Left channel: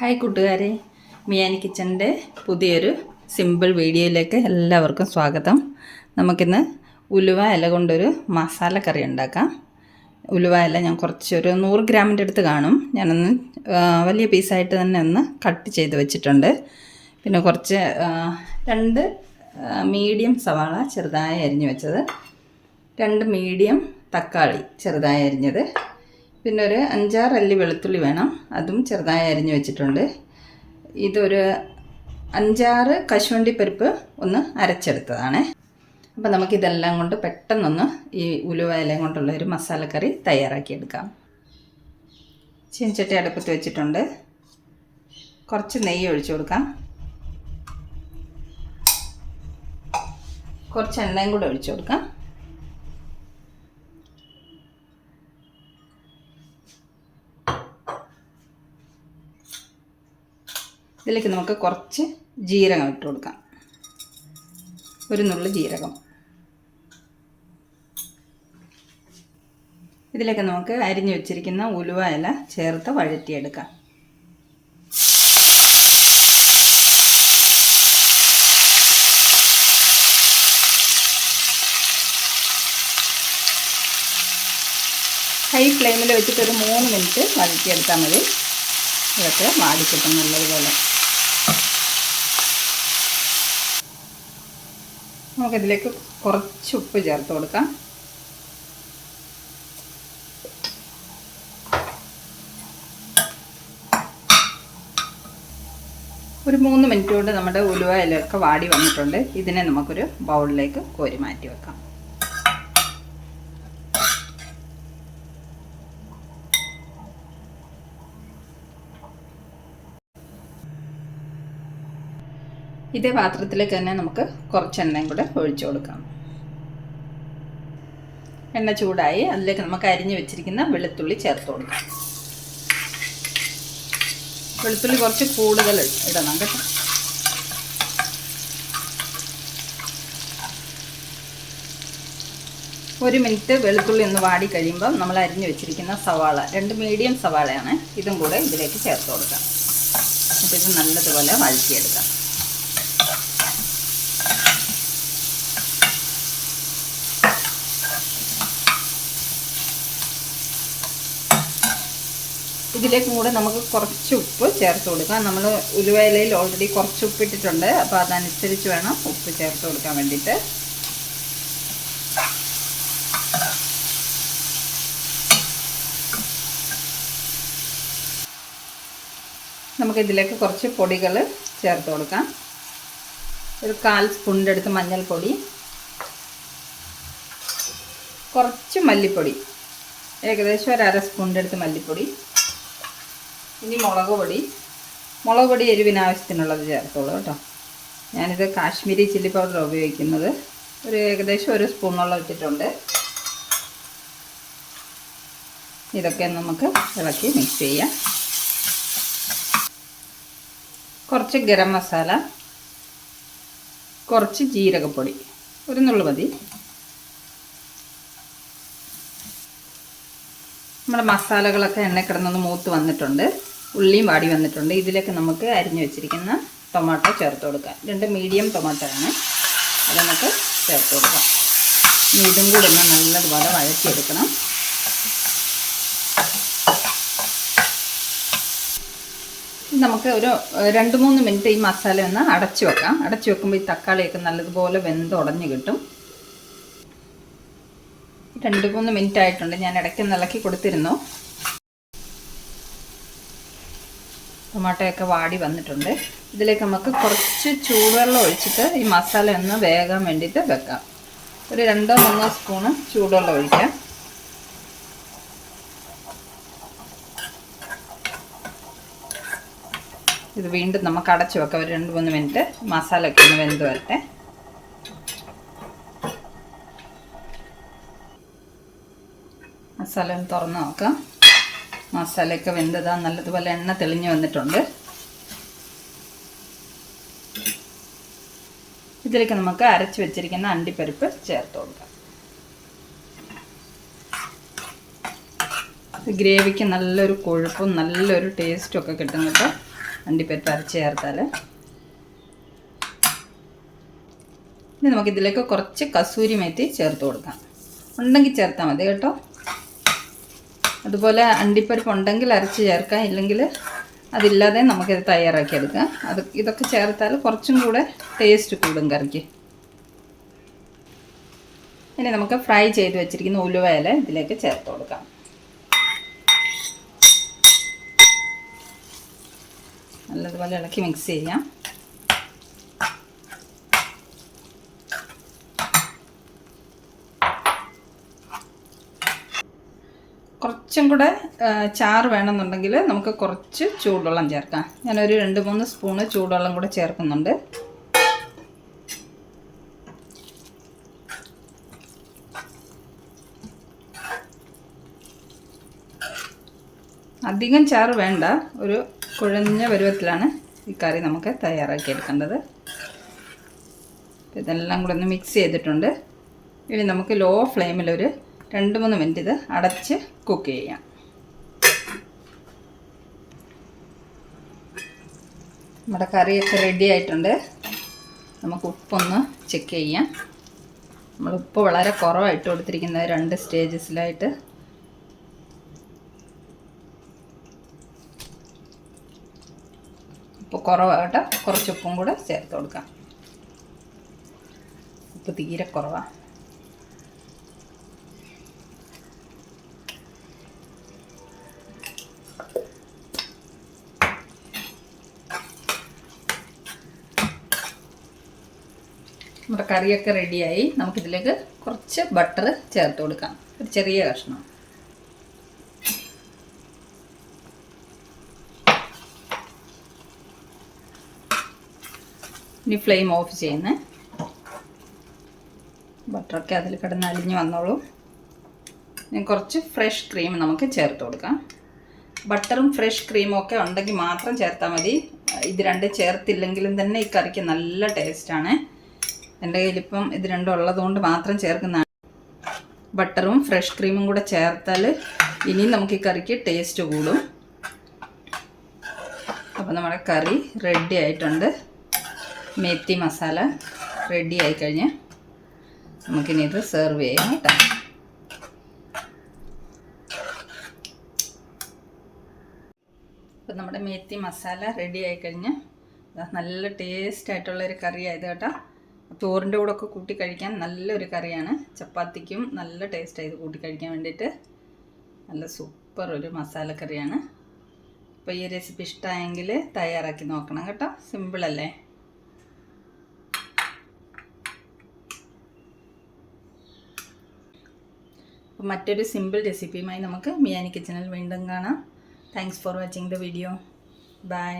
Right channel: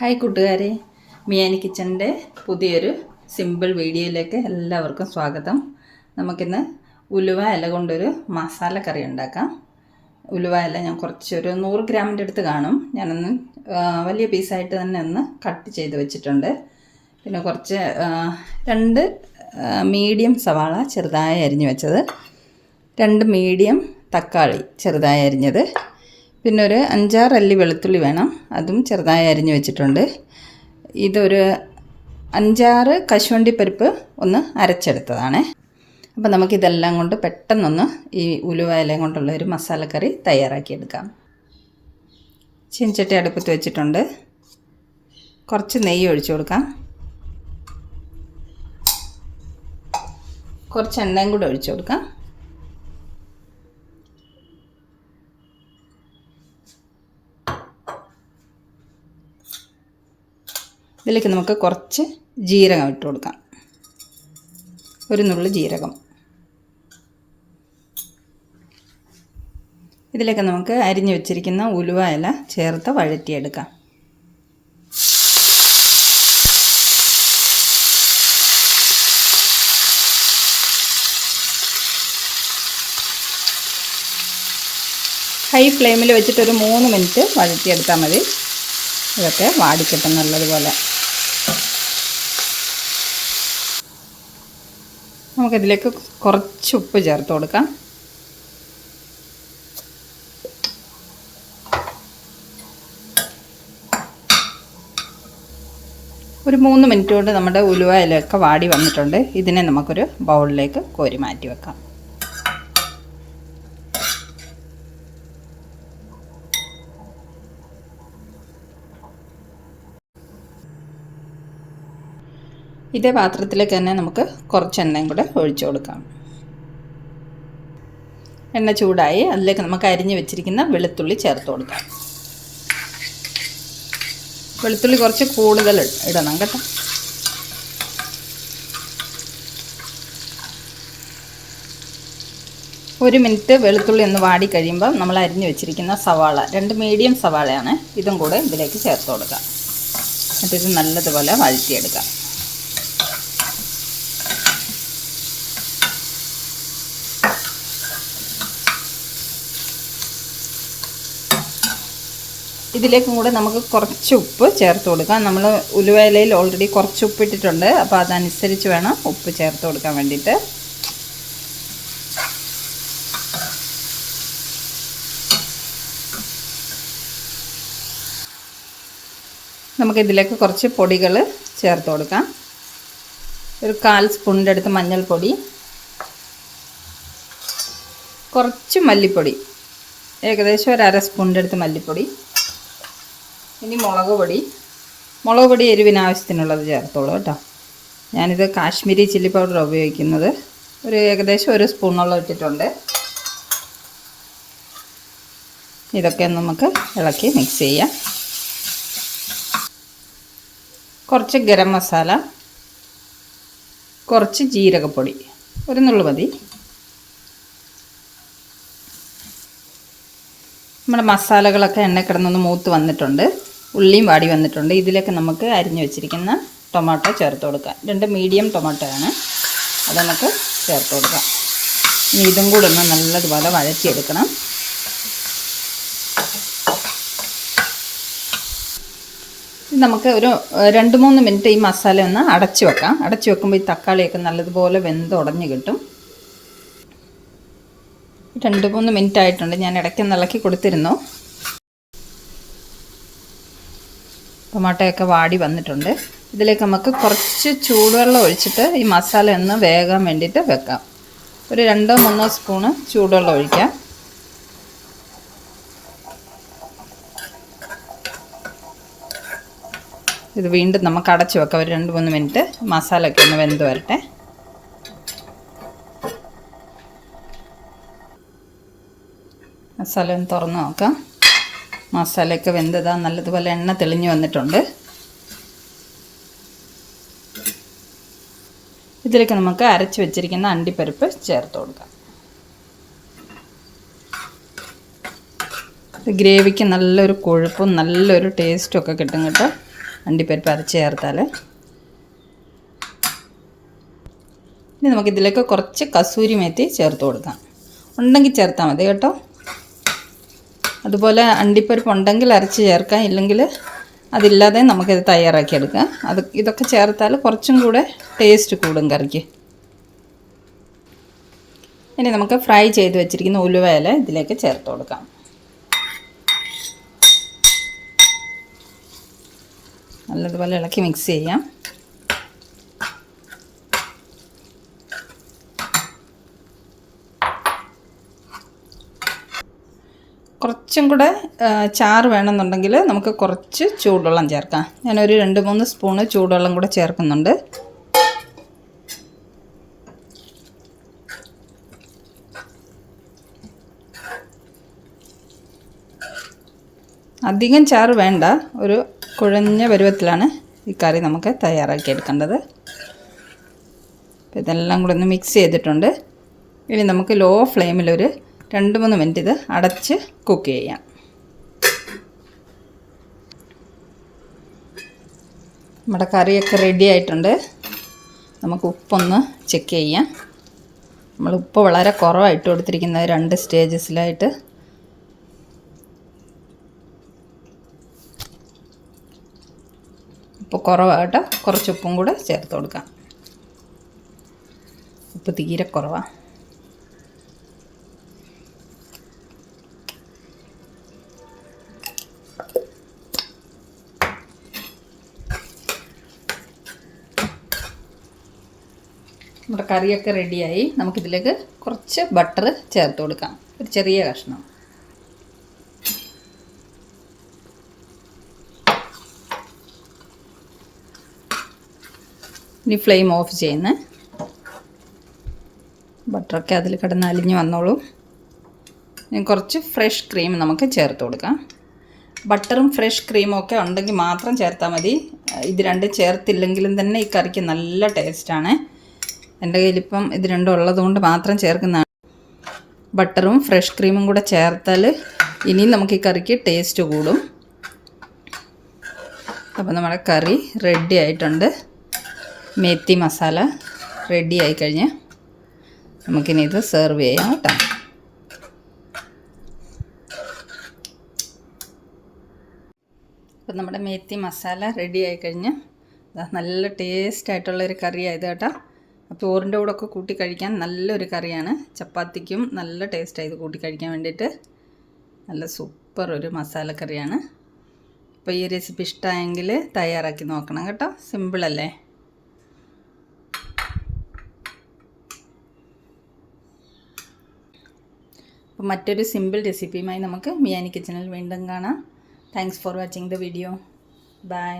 Hi കൂട്ടുകാരെ, മിയാനി കിച്ചൻ്റെ പുതിയൊരു സിമ്പിൾ വീഡിയോയിലേക്ക് എല്ലാവർക്കും സ്വാഗതം. നമുക്കിന്ന് ഉലുവ ഇല കൊണ്ടൊരു മസാലക്കറി ഉണ്ടാക്കാം. ഉലുവ ഇല ഞാൻ കുറച്ചൊരു 100 ഗ്രാമിൻ്റെ അടുത്ത് കാണും. ഞാനൊന്ന് വലിയ പീസായിട്ട് തന്നെ ഒന്ന് കട്ട് ചെയ്ത് വെച്ചിട്ടുണ്ട്. പിന്നെ കുറച്ച് 2 മീഡിയം സവാള ചെറുതായി അരിഞ്ഞ് വെച്ചത്, 2 മീഡിയം തക്കാളി ചെറുതായി അരിഞ്ഞത്, പിന്നെ ഒരു 5-6 അല്ലി വെളുത്തുള്ളി വേണം, അതും ചെറുതായി അരിഞ്ഞ് വെച്ചിട്ടുണ്ട്. ഇതൊരു 5-6 കശുവണ്ടി പരിപ്പ് ഒന്ന് അരച്ചെടുത്തതാണ്. അപ്പോൾ നമുക്കിതെല്ലാം കൊണ്ട് പെട്ടെന്നൊന്ന് ഈ ഉലുവ ഇലയും കൊണ്ടുള്ള ഒരു മസാലക്കറി തയ്യാറാക്കിയെടുക്കാം. ചീനച്ചട്ടി അടുപ്പത്ത് വെച്ചിട്ടുണ്ട്. കുറച്ച് നെയ്യ് ഒഴിച്ചു കൊടുക്കാം. കുറച്ച് എണ്ണയും കൂടെ ഒഴിച്ചു കൊടുക്കാം. ഇതിലേക്ക് നമുക്ക് കുറച്ച് ജീരകം ഇട്ട് കൊടുക്കാം. ഒരു നുള്ളു ജീരകം. ഇതിലേക്ക് നമുക്ക് അരിഞ്ഞു വെച്ചിരിക്കുന്ന ഉലുവ ഇല ചേർത്ത് വഴറ്റിയെടുക്കാം. ഹൈ ഫ്ലെയിമിൽ വെച്ചിട്ട് ഒരു 3 മിനിറ്റ് വഴറ്റിയെടുത്താൽ മതി. ഇതൊക്കെ വാടിക്കിട്ടും നല്ലതുപോലെ. നമുക്കിതിലേക്ക് കുറച്ച് ഉപ്പ് ചേർത്ത് കൊടുക്കാം. ഒരു 3 മിനിറ്റ് കൊണ്ട് നമ്മുടെ ഉലുവ ഇലയൊക്കെ വാടി വന്നിട്ടുണ്ട്. ഇതിനെ നമുക്കൊരു ബൗളിലേക്ക് കോരി മാറ്റി വെക്കാം. ഇതേ പാത്രത്തിലേക്ക് തന്നെ നമുക്ക് കുറച്ച് എണ്ണയും കൂടെ ഒഴിച്ചു കൊടുക്കാം. എണ്ണ ചൂടായി അതിലേക്ക് നമുക്ക് അരിഞ്ഞ് വെച്ചിരിക്കുന്ന വെളുത്തുള്ളി ചേർത്ത് കൊടുക്കാം. വെളുത്തുള്ളി കുറച്ച് കൂടുതൽ ഇടണം കേട്ടോ. ഒരു മിനിറ്റ് വെളുത്തുള്ളി ഒന്ന് വാടി കഴിയുമ്പോൾ നമ്മൾ അരിഞ്ഞ് വെച്ചിരിക്കുന്ന സവാള, 2 മീഡിയം സവാളയാണ്, ഇതും കൂടെ ഇതിലേക്ക് ചേർത്ത് കൊടുക്കാം. എന്നിട്ട് ഇത് നല്ലതുപോലെ വഴറ്റിയെടുക്കാം. ഇതിലേക്കും കൂടെ നമുക്ക് കുറച്ച് ഉപ്പ് ചേർത്ത് കൊടുക്കാം. നമ്മൾ ഉലുവ ഇലയിൽ ഓൾറെഡി കുറച്ച് ഉപ്പ് ഇട്ടിട്ടുണ്ട്, അപ്പോൾ അതനുസരിച്ച് വേണം ഉപ്പ് ചേർത്ത് കൊടുക്കാൻ വേണ്ടിയിട്ട്. നമുക്കിതിലേക്ക് കുറച്ച് പൊടികൾ ചേർത്ത് കൊടുക്കാം. ഒരു 1/4 സ്പൂണിൻ്റെ അടുത്ത് മഞ്ഞൾപ്പൊടി, കുറച്ച് മല്ലിപ്പൊടി, ഏകദേശം ഒരു 1/2 സ്പൂണിൻ്റെ അടുത്ത് മല്ലിപ്പൊടി. ഇനി മുളക് പൊടി എരിവിന് ആവശ്യത്തിനുള്ളത് ചേർത്തോളൂ കേട്ടോ. ഞാനിത് കാശ്മീരി ചില്ലി പൗഡർ ഉപയോഗിക്കുന്നത്. ഒരു ഏകദേശം 1 സ്പൂണോളം ഇട്ടിട്ടുണ്ട്. ഇതൊക്കെ നമുക്ക് ഇളക്കി മിക്സ് ചെയ്യാം. കുറച്ച് ഗരം മസാല, കുറച്ച് ജീരകപ്പൊടി, ഒരു നുള്ളു മതി. നമ്മുടെ മസാലകളൊക്കെ എണ്ണ കിടന്നൊന്ന് മൂത്ത് വന്നിട്ടുണ്ട്. ഉള്ളിയും വാടി വന്നിട്ടുണ്ട്. ഇതിലേക്ക് നമുക്ക് അരിഞ്ഞു വെച്ചിരിക്കുന്ന ടൊമാറ്റോ ചേർത്ത് കൊടുക്കാം. 2 മീഡിയം ടൊമാറ്റോ ആണ്, അത് നമുക്ക് ചേർത്ത് കൊടുക്കാം. ഇനി ഇതും കൂടി ഒന്ന് നല്ലതുപോലെ വഴറ്റിയെടുക്കണം. നമുക്ക് ഒരു 2-3 മിനിറ്റ് ഈ മസാല ഒന്ന് അടച്ചു വെക്കാം. അടച്ചു വെക്കുമ്പോൾ ഈ തക്കാളിയൊക്കെ നല്ലതുപോലെ വെന്തുടഞ്ഞ് കിട്ടും. 2-3 മിനിറ്റ് ആയിട്ടുണ്ട്. ഞാൻ ഇടയ്ക്ക് ഇളക്കി കൊടുത്തിരുന്നു. ടൊമാറ്റോയൊക്കെ വാടി വന്നിട്ടുണ്ട്. ഇതിലേക്ക് നമുക്ക് കുറച്ച് ചൂടുവെള്ളം ഒഴിച്ചിട്ട് ഈ മസാല ഒന്ന് വേകാൻ വേണ്ടിയിട്ട് വെക്കാം. ഒരു 2-3 സ്പൂണ് ചൂടുവെള്ളം ഒഴിക്കാം. ഇത് വീണ്ടും നമുക്ക് അടച്ചു വെക്കാം. ഒരു 2-3 മിനിറ്റ് മസാലയൊക്കെ ഒന്ന് വെന്ത് വരട്ടെ. മസാല ഒന്ന് തുറന്ന് നോക്കാം. മസാലയൊക്കെ വെന്തതാ നല്ലതുപോലെ എണ്ണ തെളിഞ്ഞ് വന്നിട്ടുണ്ട്. ഇതിലേക്ക് നമുക്ക് അരച്ച് വെച്ചിരിക്കുന്ന അണ്ടിപ്പരിപ്പ് ചേർത്ത് കൊടുക്കാം. ഗ്രേവിക്ക് നല്ലൊരു കൊഴുപ്പും നല്ലൊരു ടേസ്റ്റും ഒക്കെ കിട്ടും കേട്ടോ. അണ്ടിപ്പരിപ്പ് അരച്ച് ചേർത്താൽ. ഇനി നമുക്കിതിലേക്ക് കുറച്ച് കസൂരി മേത്തി ചേർത്ത് കൊടുക്കാം. ഉണ്ടെങ്കിൽ ചേർത്താൽ മതി കേട്ടോ. അതുപോലെ അണ്ടിപ്പരിപ്പ് ഉണ്ടെങ്കിൽ അരച്ച് ചേർക്കാം, ഇല്ലെങ്കിൽ അതില്ലാതെ നമുക്കിത് തയ്യാറാക്കിയെടുക്കാം. ഇതൊക്കെ ചേർത്താൽ കുറച്ചും കൂടെ ടേസ്റ്റ് കൂടും കറിക്ക്. ഇനി നമുക്ക് ഫ്രൈ ചെയ്ത് വെച്ചിരിക്കുന്ന ഉലുവ ഇല ഇതിലേക്ക് ചേർത്ത് കൊടുക്കാം. നല്ലതുപോലെ ഇളക്കി മിക്സ് ചെയ്യാം. കുറച്ചും കൂടെ ചാറ് വേണമെന്നുണ്ടെങ്കിൽ നമുക്ക് കുറച്ച് ചൂടുവെള്ളം ചേർക്കാം. ഞാനൊരു 2-3 സ്പൂണ് ചൂടുവെള്ളം കൂടെ ചേർക്കുന്നുണ്ട്. അധികം ചാറ് വേണ്ട, ഒരു കുഴഞ്ഞ പരുവത്തിലാണ് ഈ കറി നമുക്ക് തയ്യാറാക്കിയെടുക്കേണ്ടത്. ഇതെല്ലാം കൂടെ ഒന്ന് മിക്സ് ചെയ്തിട്ടുണ്ട്. ഇനി നമുക്ക് ലോ ഫ്ലെയിമിലൊരു 2-3 മിനിറ്റ് ഇത് അടച്ച് കുക്ക് ചെയ്യാം. നമ്മുടെ കറിയൊക്കെ റെഡി ആയിട്ടുണ്ട്. നമുക്ക് ഉപ്പൊന്ന് ചെക്ക് ചെയ്യാം. നമ്മൾ ഉപ്പ് വളരെ കുറവായിട്ട് കൊടുത്തിരിക്കുന്നത് 2 സ്റ്റേജസിലായിട്ട്. ഉപ്പ് കുറവാകട്ടെ, കുറച്ച് ഉപ്പും കൂടെ ചേർത്ത് കൊടുക്കാം. ഉപ്പ് തീരെ കുറവാണ്. നമ്മുടെ കറിയൊക്കെ റെഡിയായി. നമുക്കിതിലേക്ക് കുറച്ച് ബട്ടർ ചേർത്ത് കൊടുക്കാം, ഒരു ചെറിയ കഷ്ണം. ഇനി ഫ്ലെയിം ഓഫ് ചെയ്യുന്ന. ബട്ടറൊക്കെ അതിൽ കിടന്ന് അലിഞ്ഞ് വന്നോളൂ. ഇനി കുറച്ച് ഫ്രഷ് ക്രീം നമുക്ക് ചേർത്ത് കൊടുക്കാം. ബട്ടറും ഫ്രഷ് ക്രീമും ഒക്കെ ഉണ്ടെങ്കിൽ മാത്രം ചേർത്താൽ മതി. ഇത് രണ്ടും ചേർത്തില്ലെങ്കിലും തന്നെ ഈ കറിക്ക് നല്ല ടേസ്റ്റാണ്. എൻ്റെ കയ്യിലിപ്പം ഇത് രണ്ടും ഉള്ളതുകൊണ്ട് മാത്രം ചേർക്കുന്നതാണ്. ബട്ടറും ഫ്രഷ് ക്രീമും കൂടെ ചേർത്താൽ ഇനിയും നമുക്ക് ഈ കറിക്ക് ടേസ്റ്റ് കൂടും. അപ്പോൾ നമ്മുടെ കറി റെഡി ആയിട്ടുണ്ട്. മേത്തി മസാല റെഡി ആയിക്കഴിഞ്ഞ് നമുക്കിനി ഇത് സെർവ് ചെയ്യാം കേട്ടോ. അപ്പോൾ നമ്മുടെ മേത്തി മസാല റെഡി ആയിക്കഴിഞ്ഞ് നല്ല ടേസ്റ്റ് ആയിട്ടുള്ളൊരു കറിയായത് കേട്ടോ. ചോറിൻ്റെ കൂടെ ഒക്കെ കൂട്ടി കഴിക്കാൻ നല്ലൊരു കറിയാണ്. ചപ്പാത്തിക്കും നല്ല ടേസ്റ്റാണ് ഇത് കൂട്ടി കഴിക്കാൻ വേണ്ടിയിട്ട്. നല്ല സൂപ്പർ ഒരു മസാല കറിയാണ്. അപ്പോൾ ഈ റെസിപ്പി ഇഷ്ടമായെങ്കിൽ തയ്യാറാക്കി നോക്കണം കേട്ടോ. സിമ്പിളല്ലേ. അപ്പോൾ മറ്റൊരു സിമ്പിൾ റെസിപ്പിയുമായി നമുക്ക് മിയാനി കിച്ചണിൽ വീണ്ടും കാണാം. Thanks for watching the video. By.